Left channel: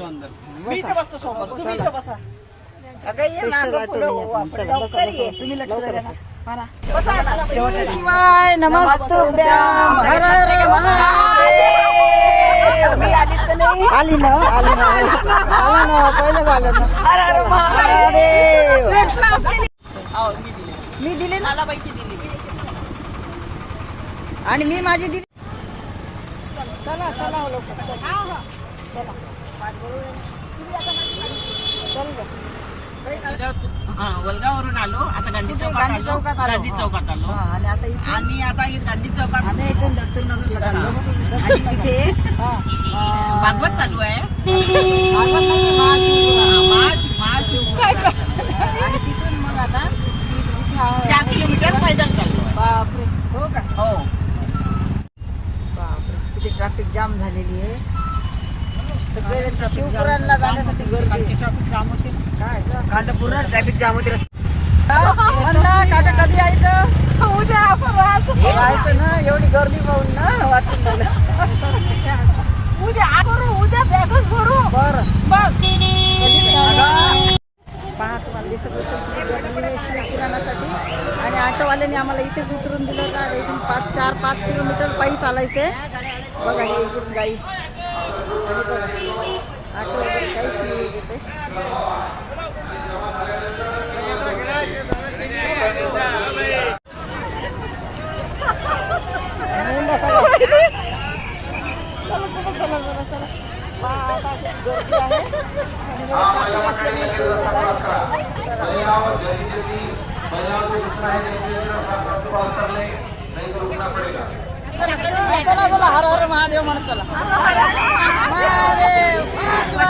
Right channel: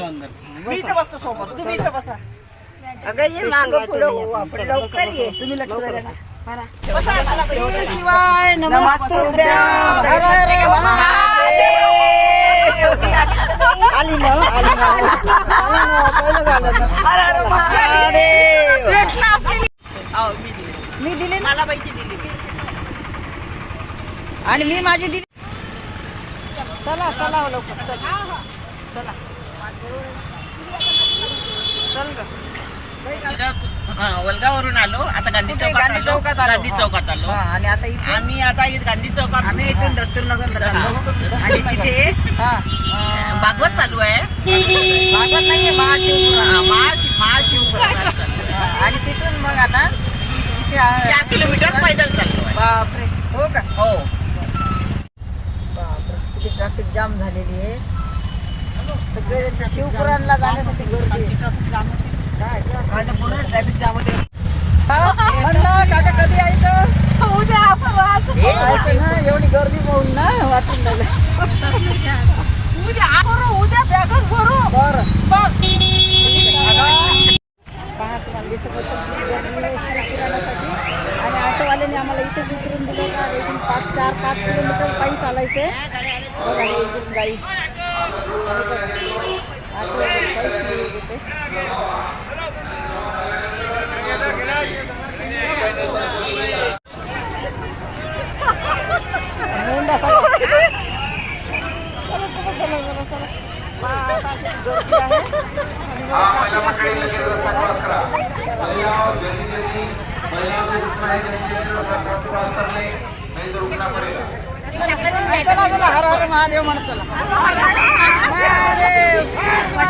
मी इथं बसतो सोबत. तुम्ही इथं बसा. अगं ये मागं पुढं हो, आपण लवकर ये. तुम्ही लक्ष द्या ना. मारा. बसा आता. श्री शिवाय. नमस्तुभ्यां हर हर महादेव. आली ना आली ना. आलं ना. पहिलं झालं ना. हर हर महादेव. मी दिली. मी दिले ना? मला माहिती दिली. आणि मी माझी दिली. चला चला हो लवकर. चल. चला. वलगावरून आलो. आता गांधी कुठे? चौकात गांधी आलो. चौकात आलो. गांधी चौकात आलो. हा, आणि आता इथे? आम्ही आता इथं गांधी चौकात आम्ही इथून दस्तूरनगरला चाललो. आणि तिथे हा अं, भागवत चालू आहे. भागवत नाहीये महाशिवपुराण हा, महाशिव महाशिव आणि तिथून मग आता इथे चार किलोमीटर पैदल चाललो आहे. बापरे. हो का? हो. बापरे. किती ट्रॅफिक जाम झालेली आहे. शिवपुराणला जाण्यासाठी गर्दी. काय? ग? पूर्ण ट्रॅफिक जाम होते. हा, म्हणलं काका कधी यायचं? उद्या यायचं ना एवढी गर्दी पाहून ना वाटून राहिलं. उद्या करू उद्या बॅगच भरू. बरं. पहा तुम्हाला दिसत असेल किती गर्दी आहे शिवपुराणासाठी. आणि ऑटोवाल्याने आम्हाला इथेच उतरून दिलं. इथून पाच चार पाच किलोमीटर पायी चालायचंय. बघा हे इकडून गाई ऑटो वगैरे काहीच नाही तिथे मुंडा सगळा चला चला चला चला चला आता गर्दी आहे आणि असल्यामुळे चला चला चला हर हर महादेव म्हणत चला. महादेव श्री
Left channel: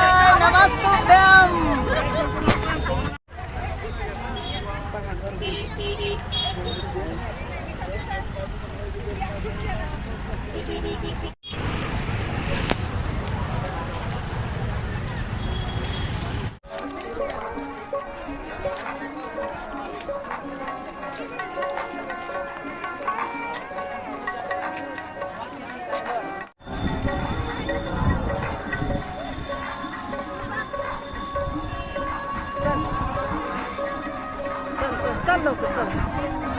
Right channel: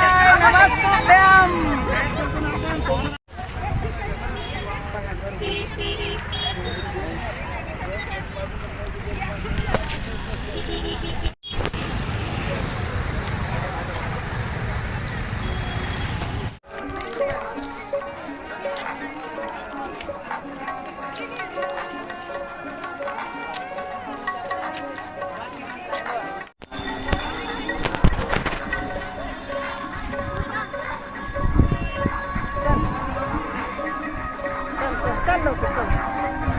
नमस्तुभ्यम. 站都不正。